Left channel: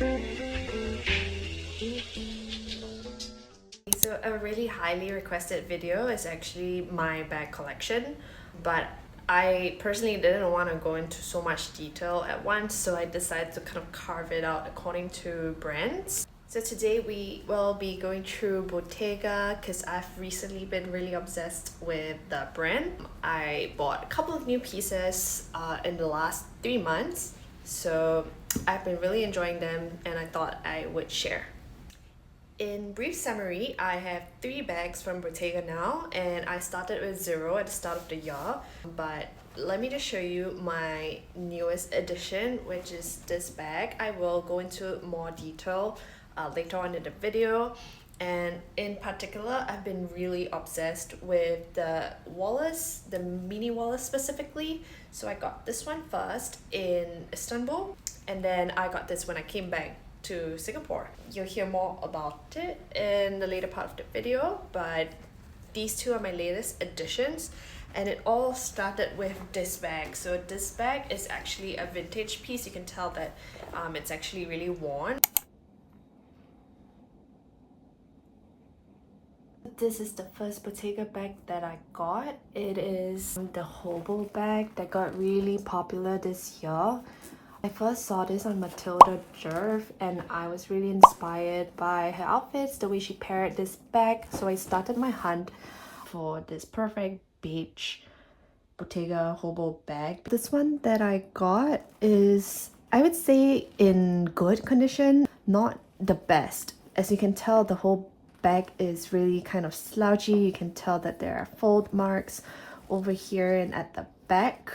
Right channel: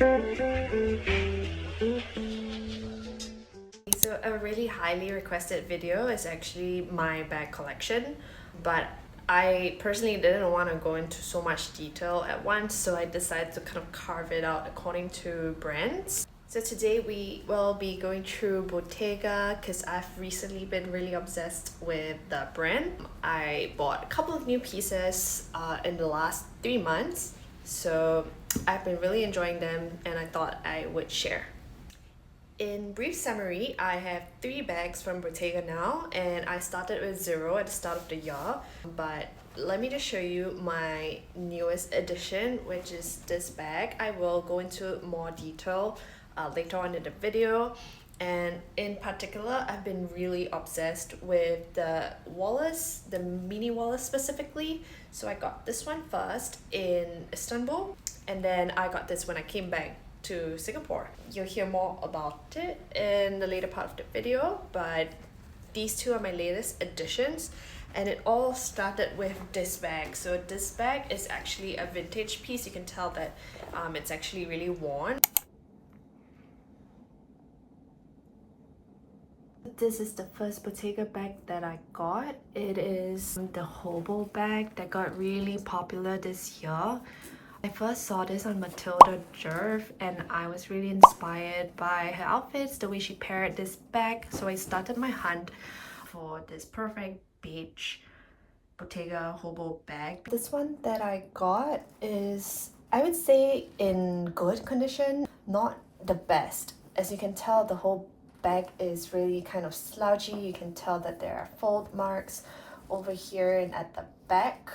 So a really highly requested video is actually my bag collection, but I personally didn't want to go into so much detail at once, so I decided to kind of carve it out according to brands. So today we will be going through Bottega because I've recently been really obsessed with the brand. I bought a couple of new pieces in the last 3 months, so I've been really enjoying them and I thought I would share. In brief summary, I have 3 bags from Bottega now, and I started with 0 at the start of the year. But let me just show you my newest addition, which is this bag. I will go into more detail later on in the video. And in particular, I've been really obsessed with the wallet, the mini wallet specifically. So I got this one first in Istanbul, and then I got this when I came back to Singapore. You'll hear more about it in the later part of the video, but these two are my latest additions, and it all started with this bag. So this bag is actually a vintage piece. You can tell that it's actually really worn. This is the first Bottega bag that I got. It is the hobo bag that got really popular this year. I first saw this on Matilda Jerv and I was really inspired by her outfits, the way she paired this bag. So I started my hunt for this perfect beige Bottega hobo bag. This one that I got is, I would say, in good condition, not the best. As you can tell, the whole bag is really kind of slouchy. You can tell that there are fold marks over here and at the back.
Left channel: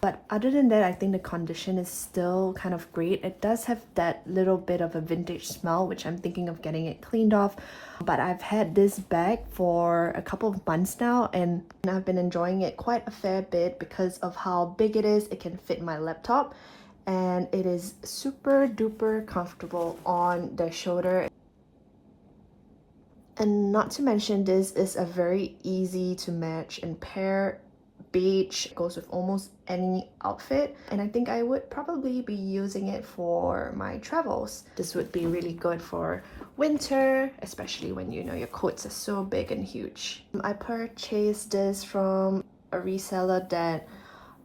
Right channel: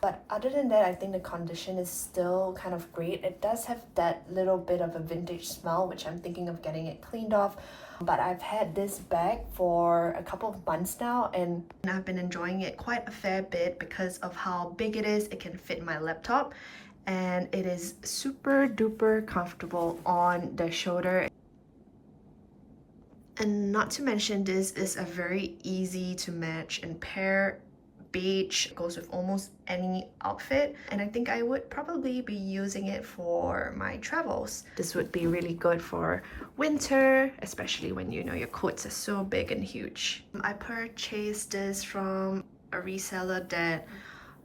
But other than that, I think the condition is still kind of great. It does have that little bit of a vintage smell, which I'm thinking of getting it cleaned off. But I've had this bag for a couple of months now, and I've been enjoying it quite a fair bit because of how big it is. It can fit my laptop, and it is super duper comfortable on the shoulder. And not to mention, this is a very easy to match and pair beige. It goes with almost any outfit, and I think I would probably be using it for my travels. This would be really good for winter, especially when you know your coats are so big and huge. I purchased this from a reseller that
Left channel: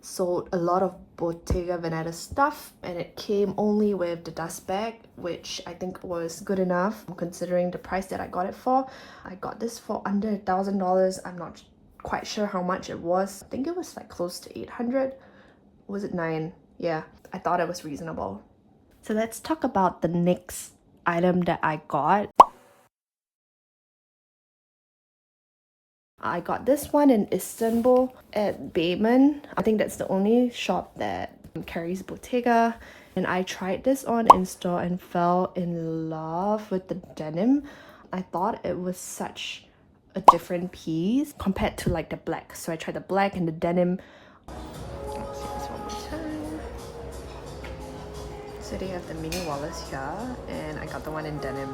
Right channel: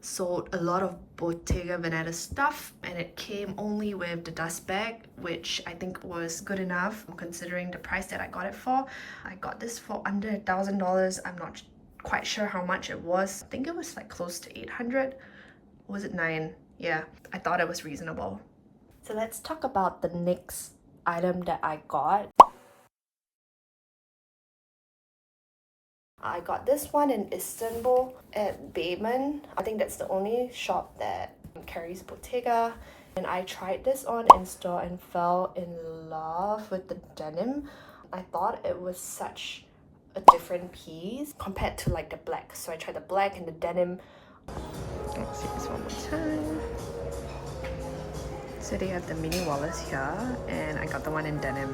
sold a lot of Bottega Veneta stuff, and it came only with the dust bag, which I think was good enough considering the price that I got it for. I got this for under $1,000. I'm not quite sure how much it was. I think it was like close to 800. Was it 9? Yeah, I thought it was reasonable. So let's talk about the next item that I got. I got this one in Istanbul at Bayman. I think that's the only shop that carries Bottega. And I tried this on in store and fell in love with the denim. I thought it was such a different piece compared to like the black. So I tried the black and the denim. Let's see this one more time. So they have the mini wallets here, and I got the one in denim.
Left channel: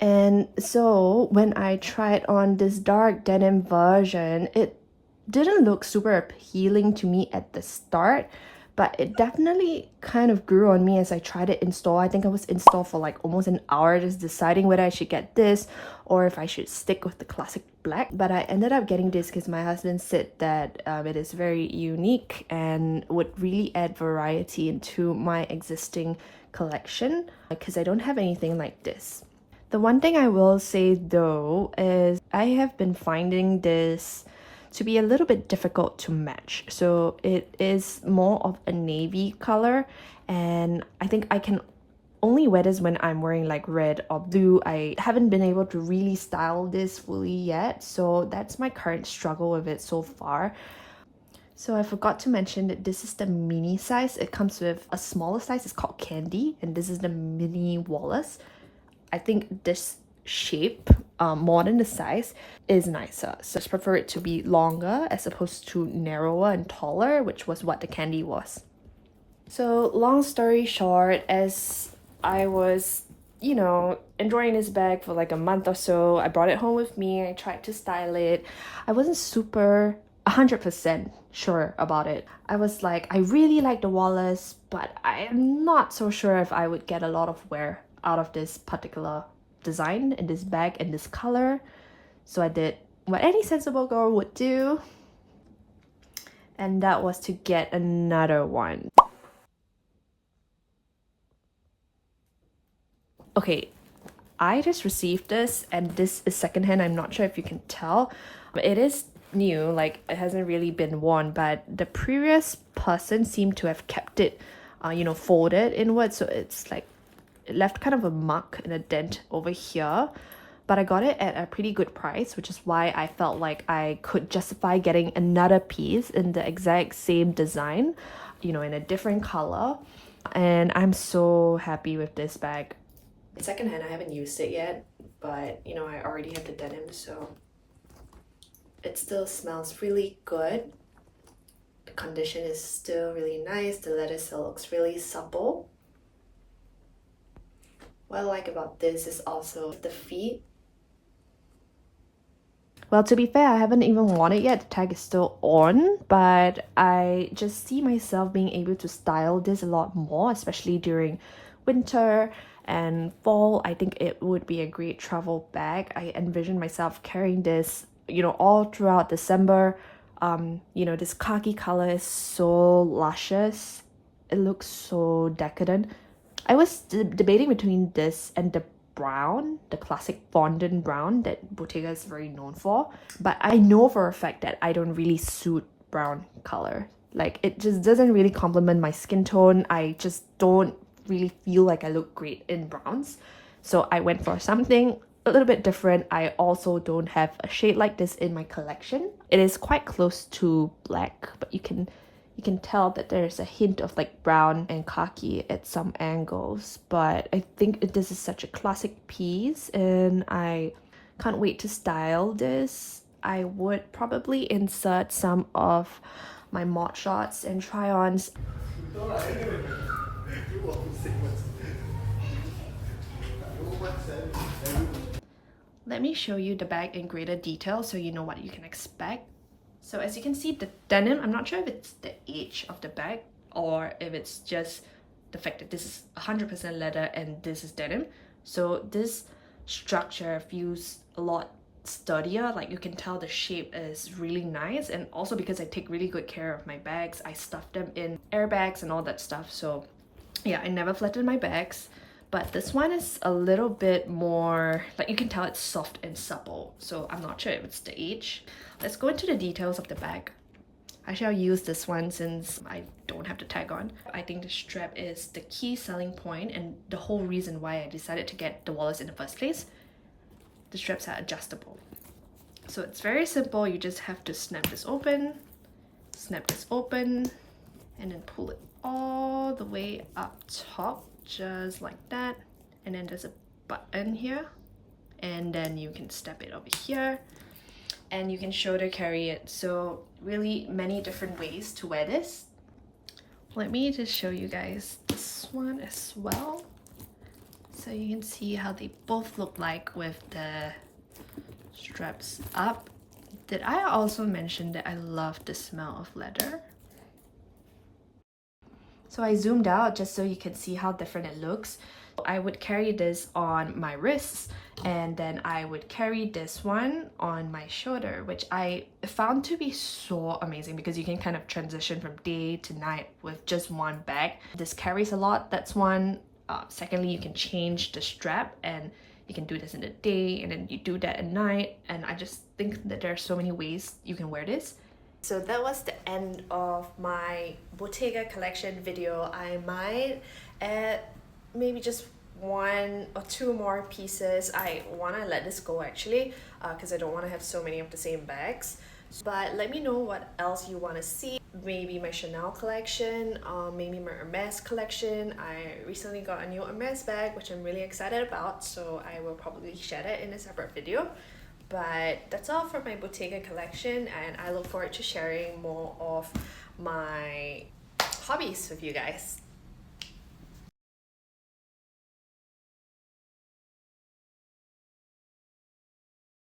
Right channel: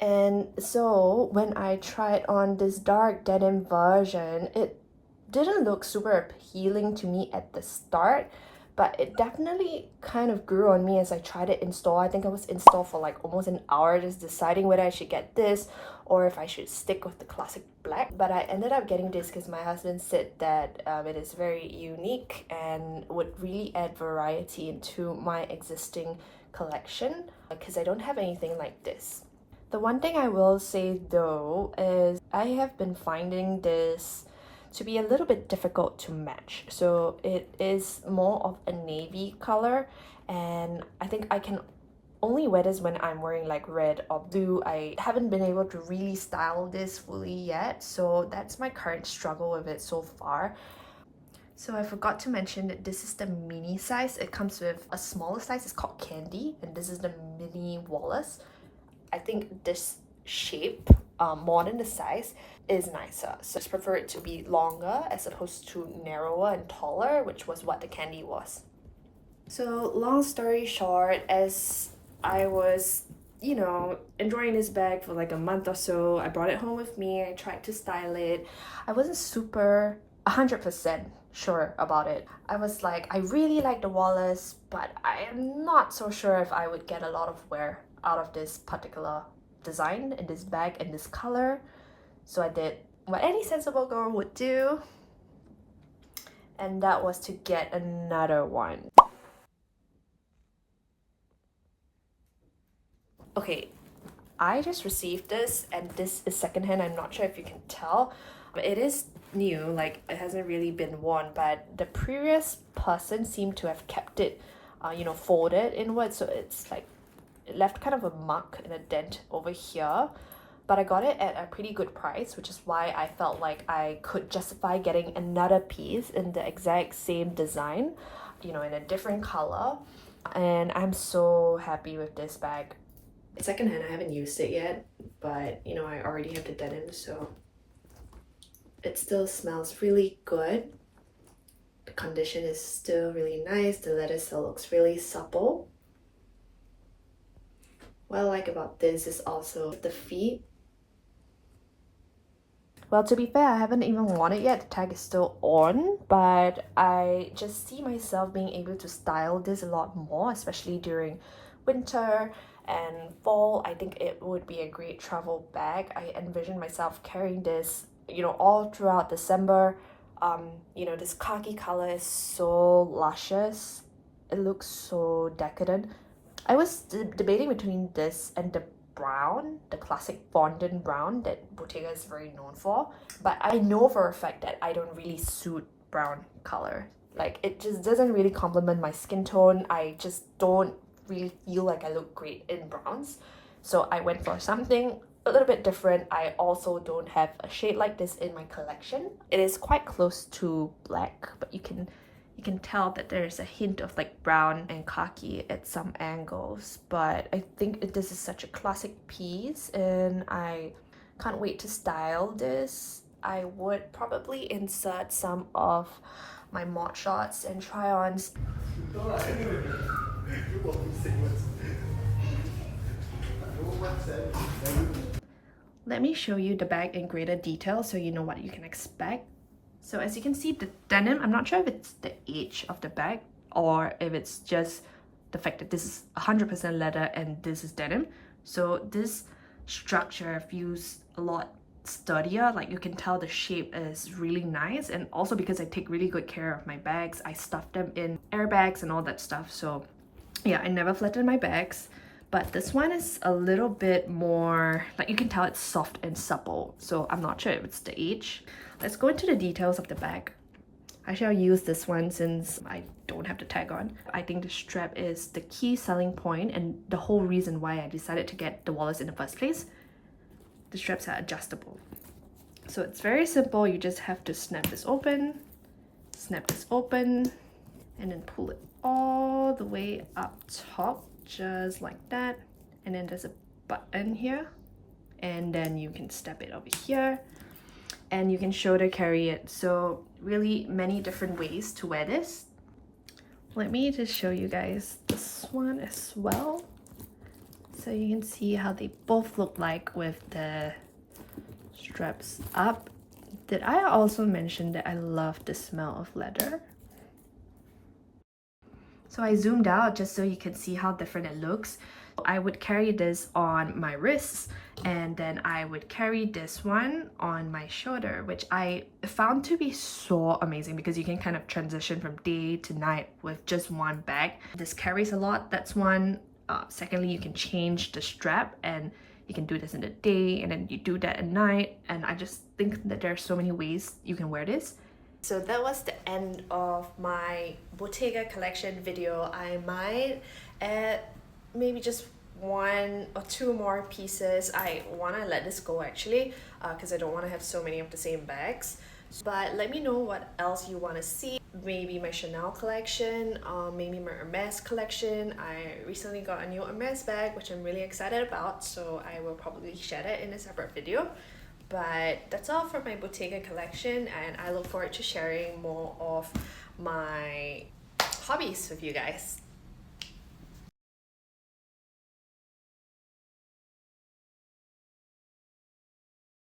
And so when I tried on this dark denim version, it didn't look super appealing to me at the start, but it definitely kind of grew on me as I tried it in store. I think I was in store for like almost an hour just deciding whether I should get this or if I should stick with the classic black. But I ended up getting this because my husband said that it is very unique and would really add variety into my existing collection because I don't have anything like this. The one thing I will say though is I have been finding this to be a little bit difficult to match. So it is more of a navy color, and I think I can only wear this when I'm wearing like red or blue. I haven't been able to really style this fully yet, so that's my current struggle with it so far. So I forgot to mention that this is the mini size. It comes with a smaller size, it's called Candy, and this is the mini wallet. I think this shape, more than the size, is nicer. So I just prefer it to be longer as opposed to narrower and taller, which was what the Candy was. So long story short, as I was, enjoying this bag for like a month or so, I brought it home with me. I tried to style it. I wasn't super 100% sure about it. I was like, I really like the Wallace, but I am not so sure if I would get a lot of wear out of this particular design in this bag in this color. So I did what any sensible girl would do, and that was to get another one. Okay, I just received this, and this is secondhand. I'm not sure if you can tell. It is new, like it hasn't really been worn, but the previous person seemed to have kept it, folded inward, so it's like it left kind of a mark and a dent over here. But I got it at a pretty good price, which is why I felt like I could justify getting another piece in the exact same design, in a different color. And I'm so happy with this bag. It's secondhand, I haven't used it yet, but I already have the denim, so it still smells really good. The condition is still really nice. The leather still looks really supple. What I like about this is also the feet. Well, to be fair, I haven't even worn it yet. The tag is still on, but I just see myself being able to style this a lot more, especially during winter and fall. I think it would be a great travel bag. I envision myself carrying this, all throughout December. This khaki color is so luscious. It looks so decadent. I was debating between this and the brown, the classic fondant brown that Bottega is very known for. But I know for a fact that I don't really suit brown color. Like, it just doesn't really complement my skin tone. I just don't really feel like I look great in browns. So I went for something a little bit different. I also don't have a shade like this in my collection. It is quite close to black, but you can tell that there's a hint of like brown and khaki at some angles. But I think this is such a classic piece, and I can't wait to style this. I would probably insert some of my mod shots and try-ons. Let me show you the bag in greater detail so you know what you can expect. So as you can see, the denim, I'm not sure if it's the age of the bag or if it's just the fact that this is 100% leather and this is denim. So this structure feels a lot sturdier. Like, you can tell the shape is really nice, and also because I take really good care of my bags, I stuff them in airbags and all that stuff. So yeah, I never flatten my bags. But this one is a little bit more, like, you can tell it's soft and supple. So I'm not sure if it's the age. Let's go into the details of the bag. I shall use this one since I don't have the tag on. I think the strap is the key selling point and the whole reason why I decided to get the Wallace in the first place. The straps are adjustable. So it's very simple. You just have to snap this open, and then pull it all the way up top, just like that. And then there's a button here, and then you can step it over here, and you can shoulder carry it. So really many different ways to wear this. Let me just show you guys this one as well, so you can see how they both look like with the straps up. Did I also mention that I love the smell of leather? So I zoomed out just so you can see how different it looks. I would carry this on my wrists, and then I would carry this one on my shoulder, which I found to be so amazing because you can kind of transition from day to night with just one bag. This carries a lot, that's one. Secondly, you can change the strap, and you can do this in the day and then you do that at night, and I just think that there are so many ways you can wear this. So that was the end of my Bottega collection video. I might add maybe just 1 or 2 more pieces. I want to let this go actually, because I don't want to have so many of the same bags. But let me know what else you want to see. Maybe my Chanel collection, or maybe my Hermes collection. I recently got a new Hermes bag, which I'm really excited about, so I will probably share that in a separate video. But that's all for my Bottega collection, and I look forward to sharing more of my hobbies with you guys.